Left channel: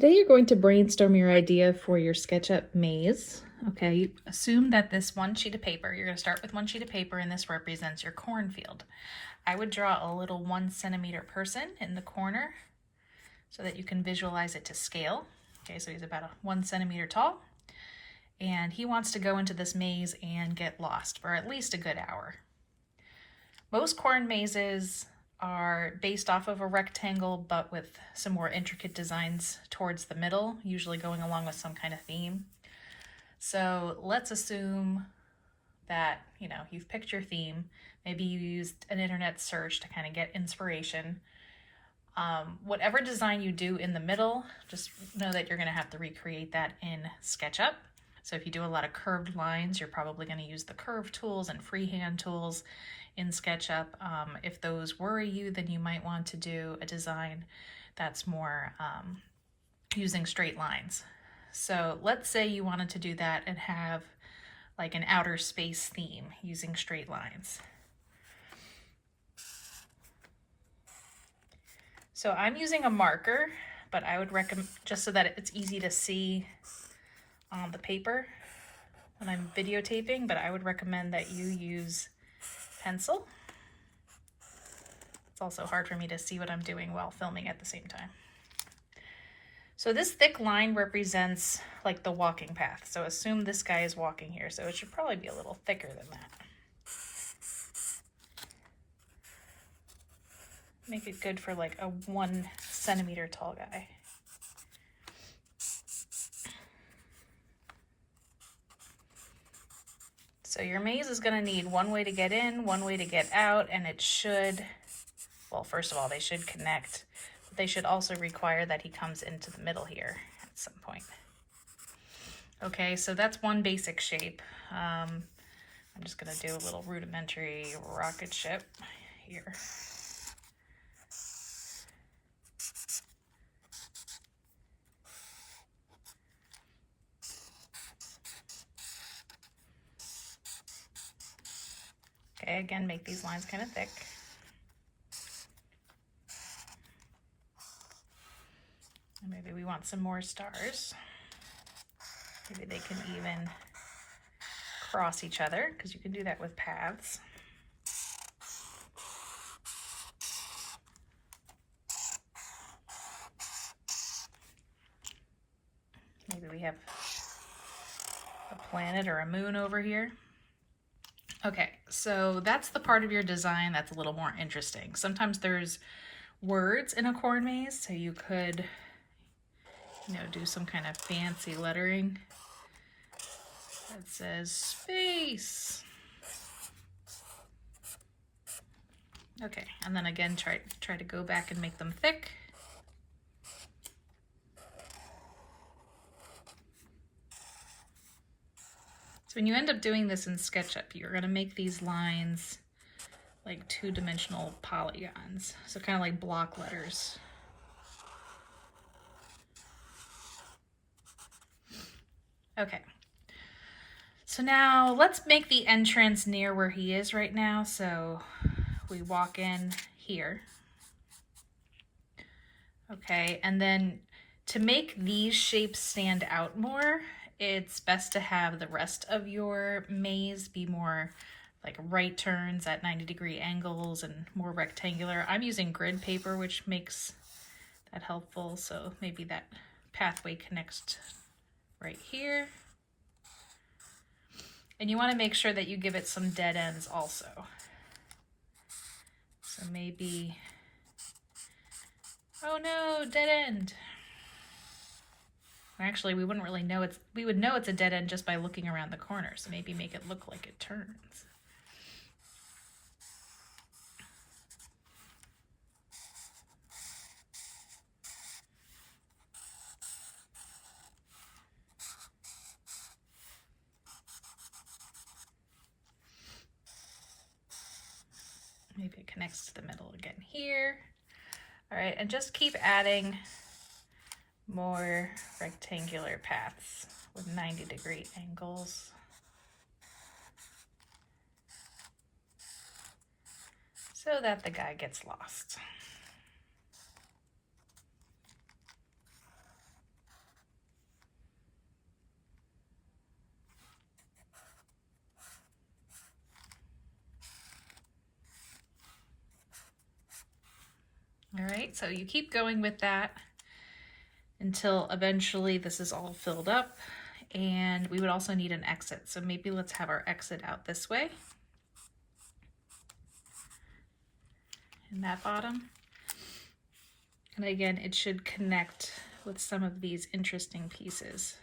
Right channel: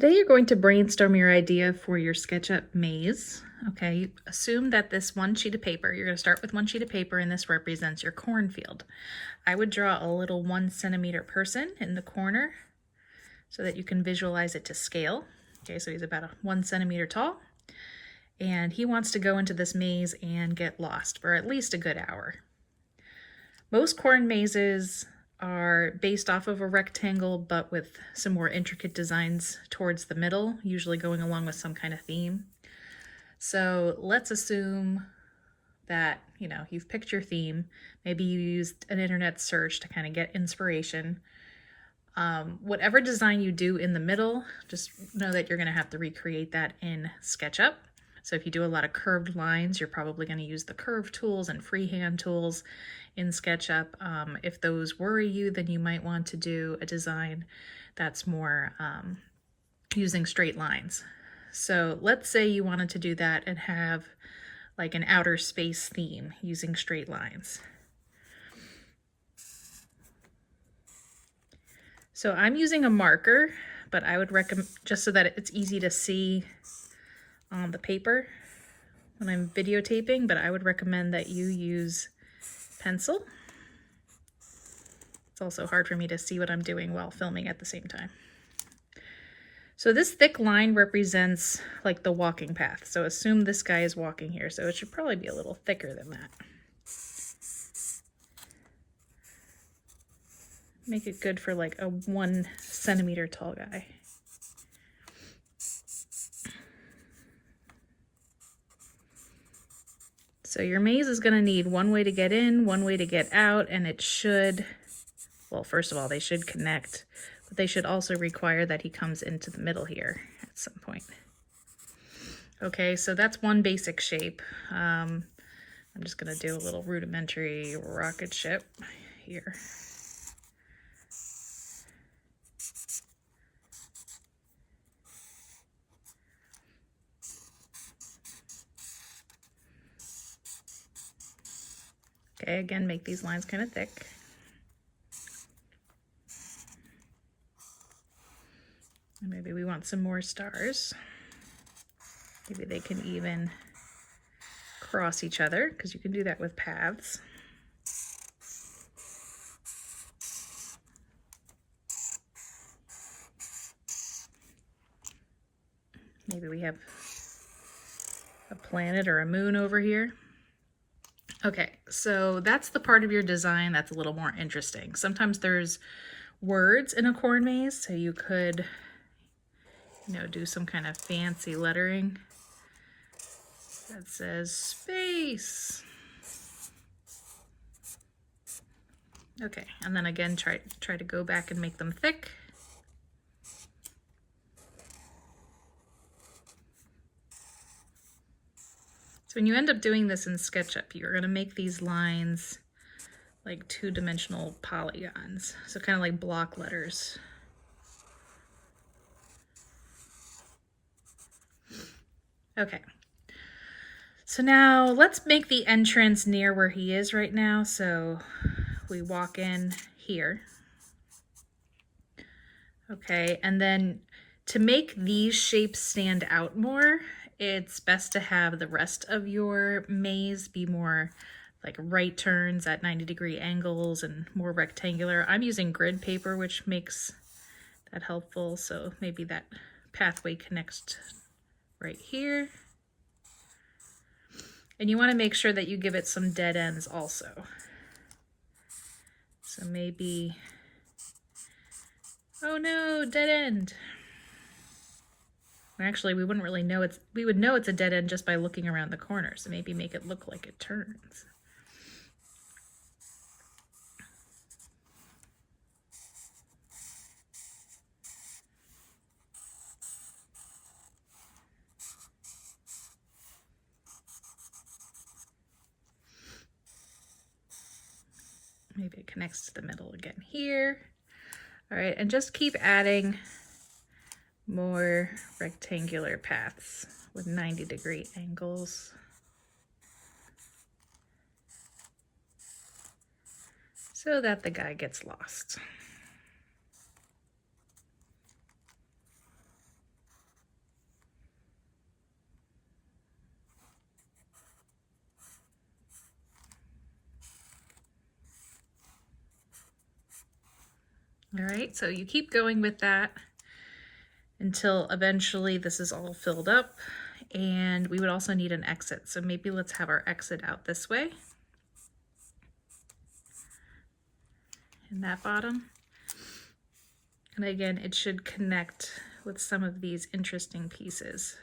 Today you're going to brainstorm your idea for your SketchUp maze. Okay, assume that this one sheet of paper, you're going to start with one sheet of paper and this represents your cornfield. I would draw a little 1 centimeter person in the corner so that you can visualize it to scale. Okay, so he's about 1 centimeter tall and he wants to go into this maze and get lost for at least a good hour. Most corn mazes are based off of a rectangle, but with some more intricate designs towards the middle, usually going along with some kind of theme. So let's assume that, you've picked your theme. Maybe you used an internet search to kind of get inspiration. Whatever design you do in the middle, just know that you're going to have to recreate that in SketchUp. So if you do a lot of curved lines, you're probably going to use the curve tools and freehand tools in SketchUp. If those worry you, then you might want to do a design that's more using straight lines. So let's say you wanted to do that and have like an outer space theme using straight lines. So I'm using a marker, but I would recommend, just so that it's easy to see on the paper when I'm videotaping, but I would recommend that you use pencil. It's also hard for me to see what I'm doing while filming at the same time. So this thick line represents like the walking path. So assume this guy is walking here, so it should probably be a little thicker than that. Make it good for like a 1 centimeter tall guy. So your maze is going to need one way to get in, one way to get out, and it should, well, first of all, they should connect, but they should also require that he comes into the middle here at some point. Okay, so that's one basic shape. I'm just going to do a little rudimentary rocket ship here. Okay, again, make these lines kind of thick. And maybe we want some more stars. Maybe they can even cross each other, because you can do that with paths. Maybe we have a planet or a moon over here. Okay, so that's the part of your design that's a little more interesting. Sometimes there's words in a corn maze, so you could, do some kind of fancy lettering that says space. Okay, and then again, try to go back and make them thick. So when you end up doing this in SketchUp, you're going to make these lines like 2-dimensional polygons, so kind of like block letters. Okay, so now let's make the entrance near where he is right now. So we walk in here. Okay, and then to make these shapes stand out more, it's best to have the rest of your maze be more like right turns at 90-degree angles and more rectangular. I'm using grid paper, which makes that helpful. So maybe that pathway connects right here. And you want to make sure that you give it some dead ends also. So maybe, oh no, dead end. Actually, we wouldn't really know we would know it's a dead end just by looking around the corner, so maybe make it look like it turns. Maybe it connects to the middle again here. All right, and just keep adding more rectangular paths with 90-degree angles. So that the guy gets lost. All right, so you keep going with that until eventually this is all filled up, and we would also need an exit. So maybe let's have our exit out this way in that bottom. And again, it should connect with some of these interesting pieces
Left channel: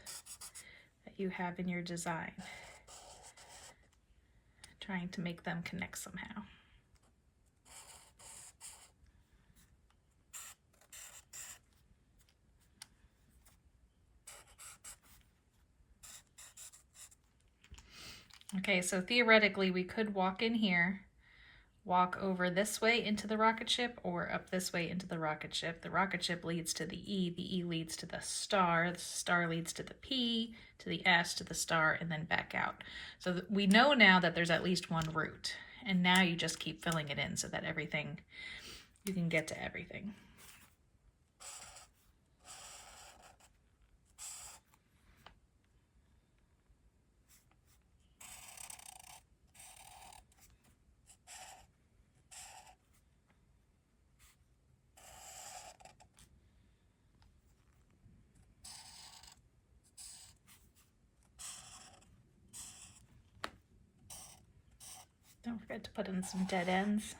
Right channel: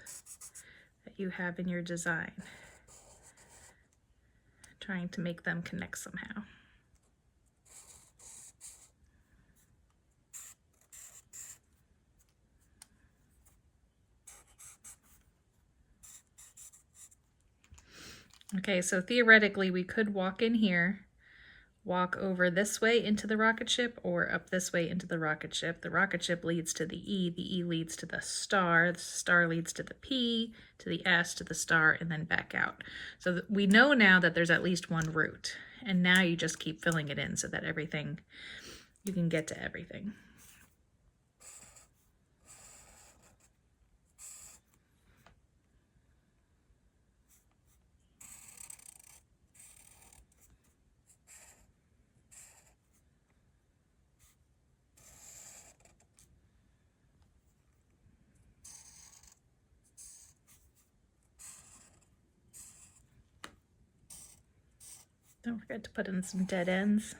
that you have in your design, trying to make them connect somehow. Okay, so theoretically we could walk in here, walk over this way into the rocket ship, or up this way into the rocket ship. The rocket ship leads to the E leads to the star leads to the P, to the S, to the star, and then back out. So we know now that there's at least one route, and now you just keep filling it in so that everything, you can get to everything. Don't forget to put in some dead ends.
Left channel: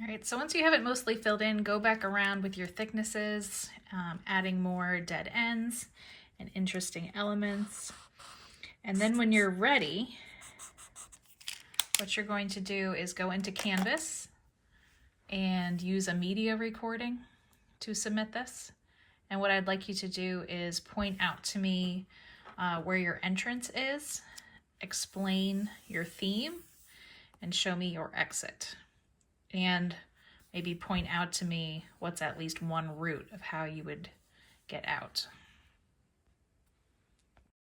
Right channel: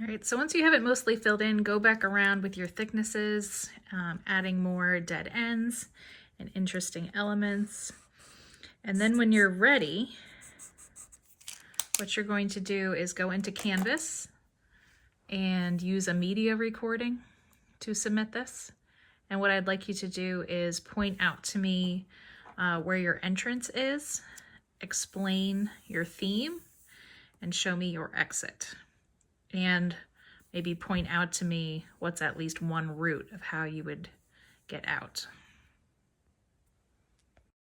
All right, so once you have it mostly filled in, go back around with your thicknesses, adding more dead ends and interesting elements. And then when you're ready, what you're going to do is go into Canvas and use a media recording to submit this. And what I'd like you to do is point out to me where your entrance is, explain your theme, and show me your exit. And maybe point out to me what's at least one route of how you would get out.